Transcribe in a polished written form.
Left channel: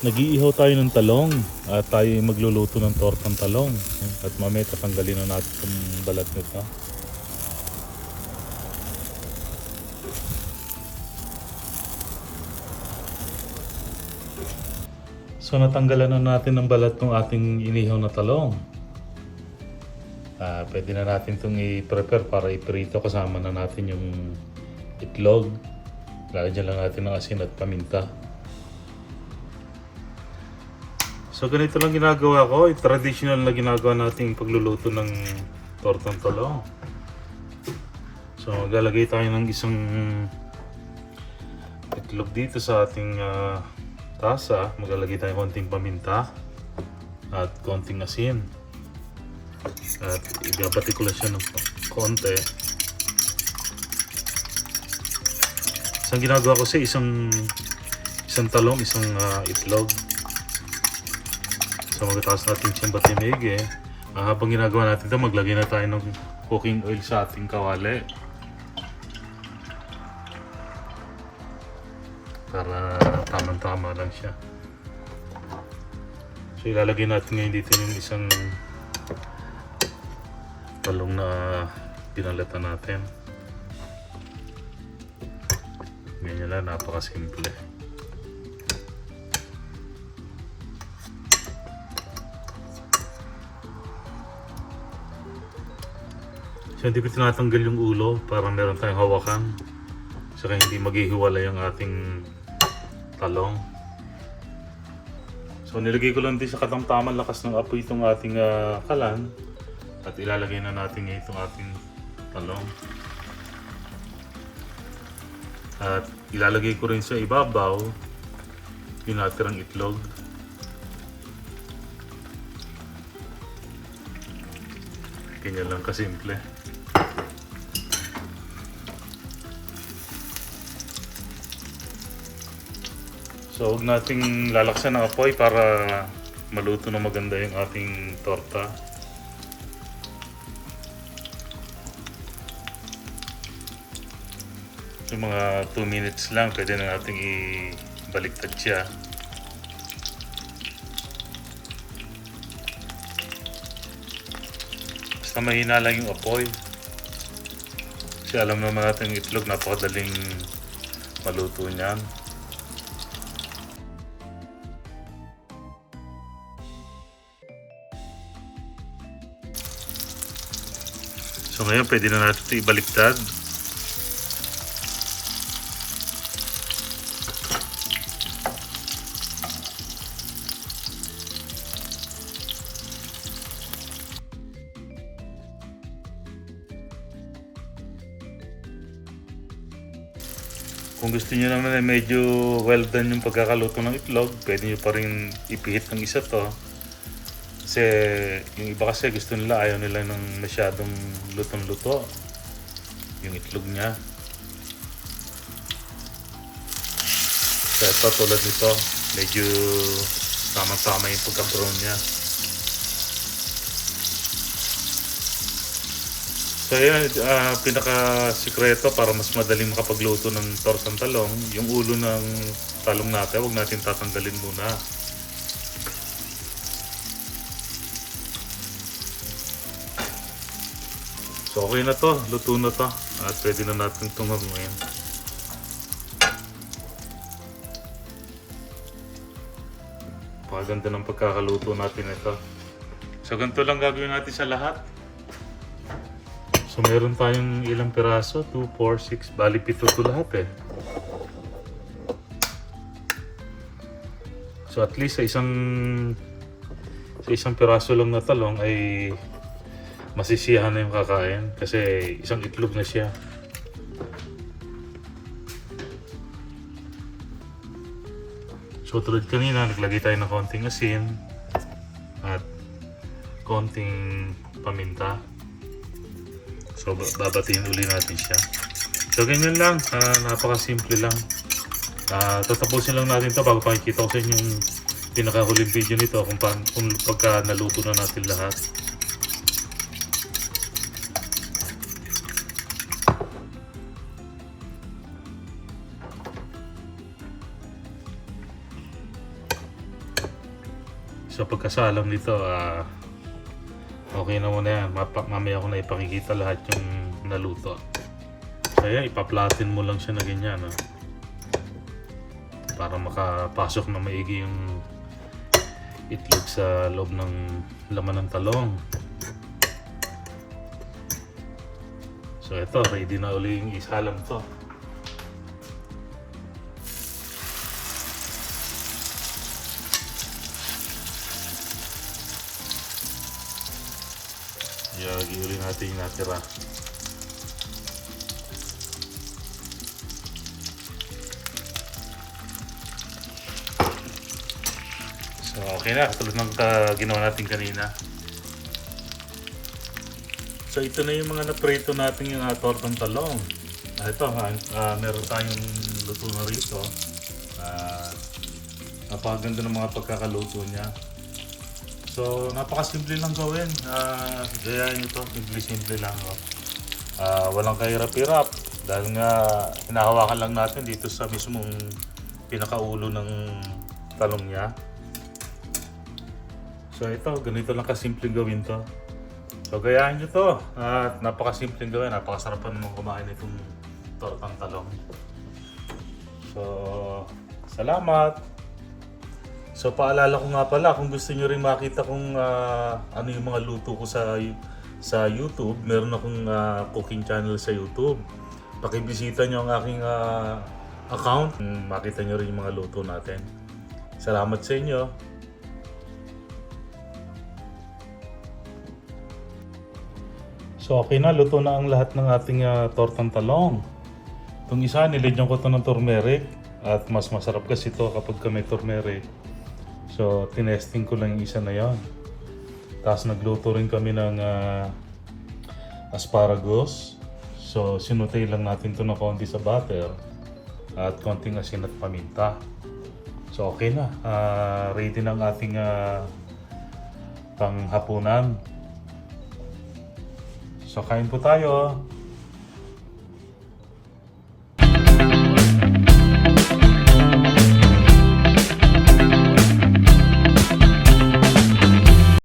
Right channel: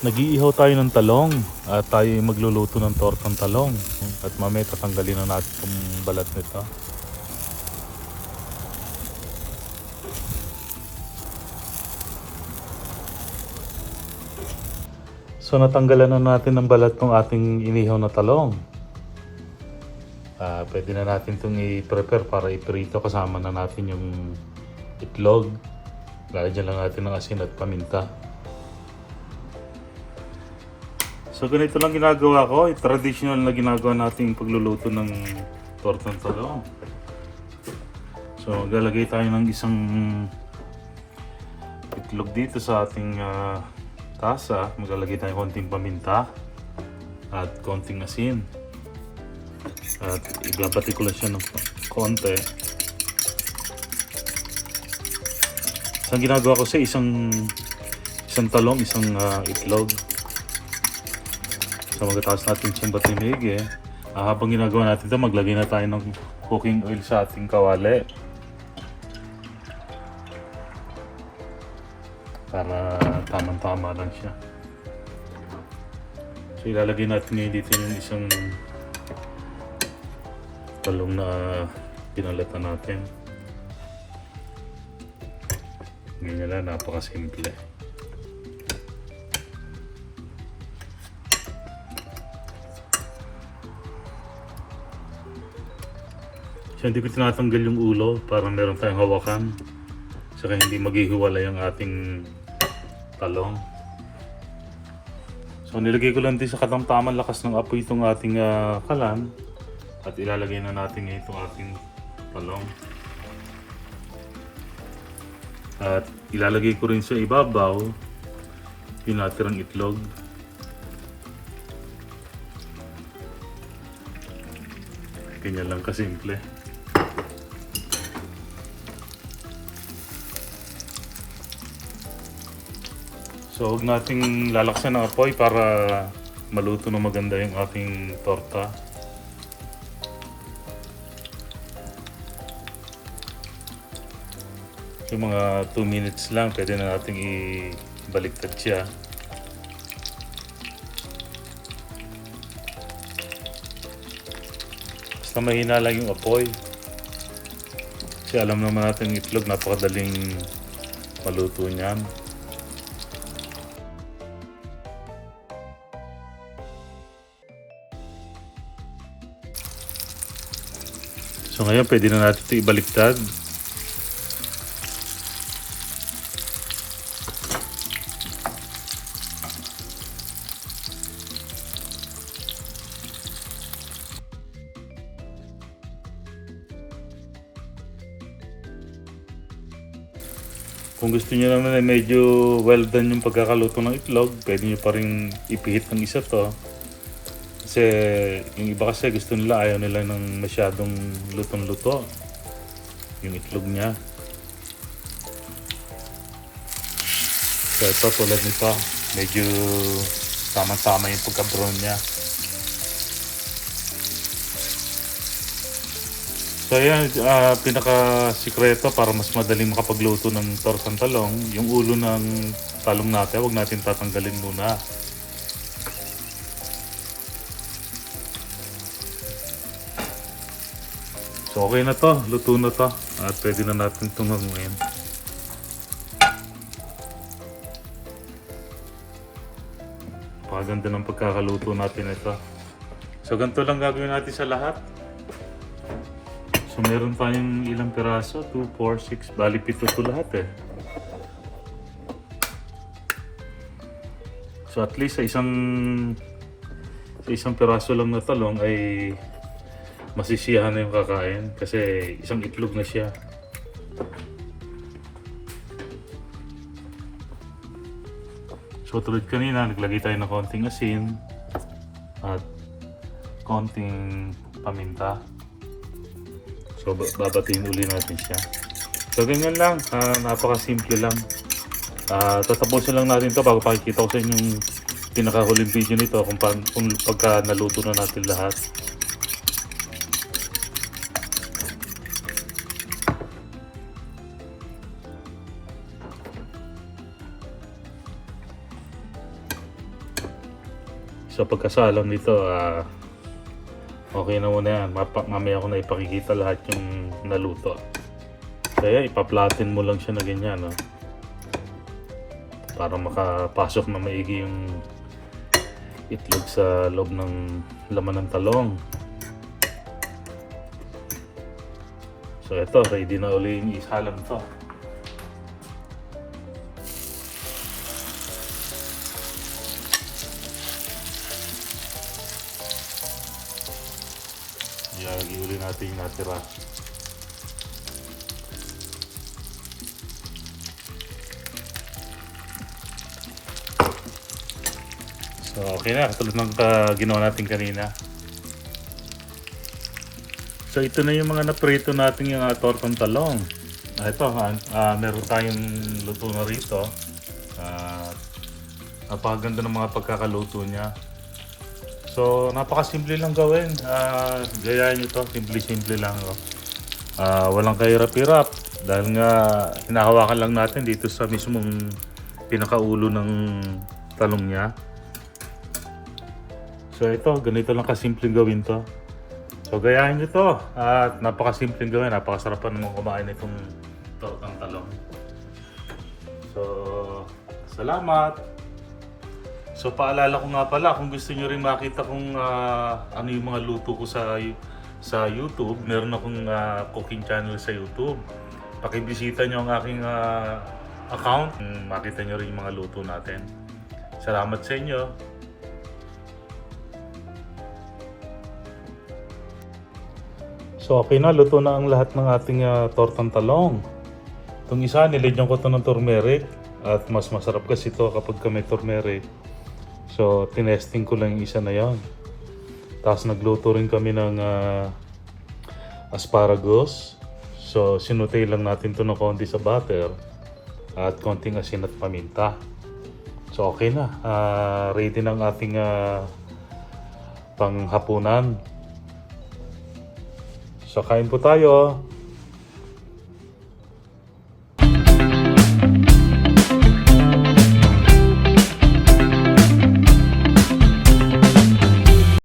Nag-iihaw tayo ng talong at tayo magluluto ng tortang talong. At mamaya tatanggalin na natin itong balat nito. So natanggalan na natin ng balat ng ating inihaw na talong. Pwede na natin itong i-prepare para iprito, kasama na natin yung itlog. Lalagyan lang natin ng asin at paminta. So ganito lang ginagawa ko, traditional na ginagawa natin yung pagluluto ng tortang talong. So maglalagay tayo ng isang itlog dito sa ating tasa. Maglalagay tayo konting paminta at konting asin. At ibabati ko lang siya ng konti. Isang ginagawa ko sa isang talong, isang itlog. So magtataas natin siyang batimig habang ginagawa natin ito, maglagay na tayo ng cooking oil sa ating kawali. Para tamang-tama lang siya. So ilalagay natin ngayon dito yung isang talong na pinalatan natin. Ganyan lang, napakasimple. So hindi ko tinatanggal yung ulo para meron tayong hawakan. So kaya hindi maghihiwalay ang ating talong. So nilagay ko lang din sa katamtamang lakas ng apoy itong ating kalan. At ilalagay na natin ngayon itong ating talong. At ilalagay ko rin sa ibabaw yung natirang itlog. Ganyan lang kasimple. So huwag nating lalaksan ng apoy para maluto na maganda yung ating torta. So mga 2 minutes lang, pwede na nating ibaliktad siya. Basta mahina lang yung apoy. Kasi alam naman natin yung itlog, napakadaling maluto niyan. So ngayon pwede na natin ito ibaliktad. Kung gusto niyo naman na medyo well done yung pagkakaluto ng itlog, pwede niyo pa rin ipihit ng isa to. Kasi yung iba kasi gusto nila, ayaw nila ng masyadong lutong-luto yung itlog niya. So ito, tulad nito, medyo tama-tama yung pagka-brown niya. So yan, pinaka-sikreto para mas madaling makapagluto ng tortang talong, yung ulo ng talong natin, huwag natin tatanggalin muna. So okay na to, luto na to, at pwede na natin itong haluin. Paganda ng pagkakaluto natin ito. So ganito lang gagawin natin sa lahat. So meron tayong ilang piraso, 2, 4, 6, bali 7 to lahat So at least sa isang piraso lang na talong ay masisiyahan na yung kakain kasi isang itlog na siya. So tulad kanina, naglagay tayo ng konting asin at konting paminta. So babatiin uli natin siya. So ganyan lang, napakasimple lang. Tatapusin lang natin to bago pakikita ko sa inyo yung pinakahuling video nito kung pagka naluto na natin lahat. sa pagkasalang nito, okay na muna yan. Mamaya ko na ipakikita lahat yung naluto. Kaya ipaplatin mo lang siya na ganyan, no? Para makapasok na maigi yung itlog sa loob ng laman ng talong. So ito, ready na uli yung isalang to. Lagi uli natin yung natira. So okay na, katulad ng ginawa natin kanina. So ito na yung mga naprito natin yung tortang talong. Ito, meron tayong luto na rito. Napakaganda ng mga pagkakaluto niya. So napakasimple lang gawin. Gayahin nyo to, simple lang. No? Walang kahirap-hirap. Dahil nga hinahawakan lang natin dito sa mismong pinakaulo ng talong niya. So ito, ganito lang kasimple gawin to. So gayahin nyo to at napakasimpleng gawin, napakasarapan naman kumain itong tortang talong. So salamat! So paalala ko nga pala, kung gusto nyo rin makita kung ano yung mga luto ko sa YouTube, meron akong cooking channel sa YouTube. Pakibisita nyo ang aking account, makita nyo rin yung mga luto natin. Salamat sa inyo! So okay na, luto na ang lahat ng ating tortang talong. Itong isa, nilagyan ko ito ng turmeric at mas masarap kasi ito kapag may turmeric. So tinesting ko lang yung isa na yon. Tapos nagluto rin kami ng asparagus. So sinutay lang natin ito ng konti sa butter at konting asin at paminta. So okay na, ready na ang ating panghapunan. So kain po tayo.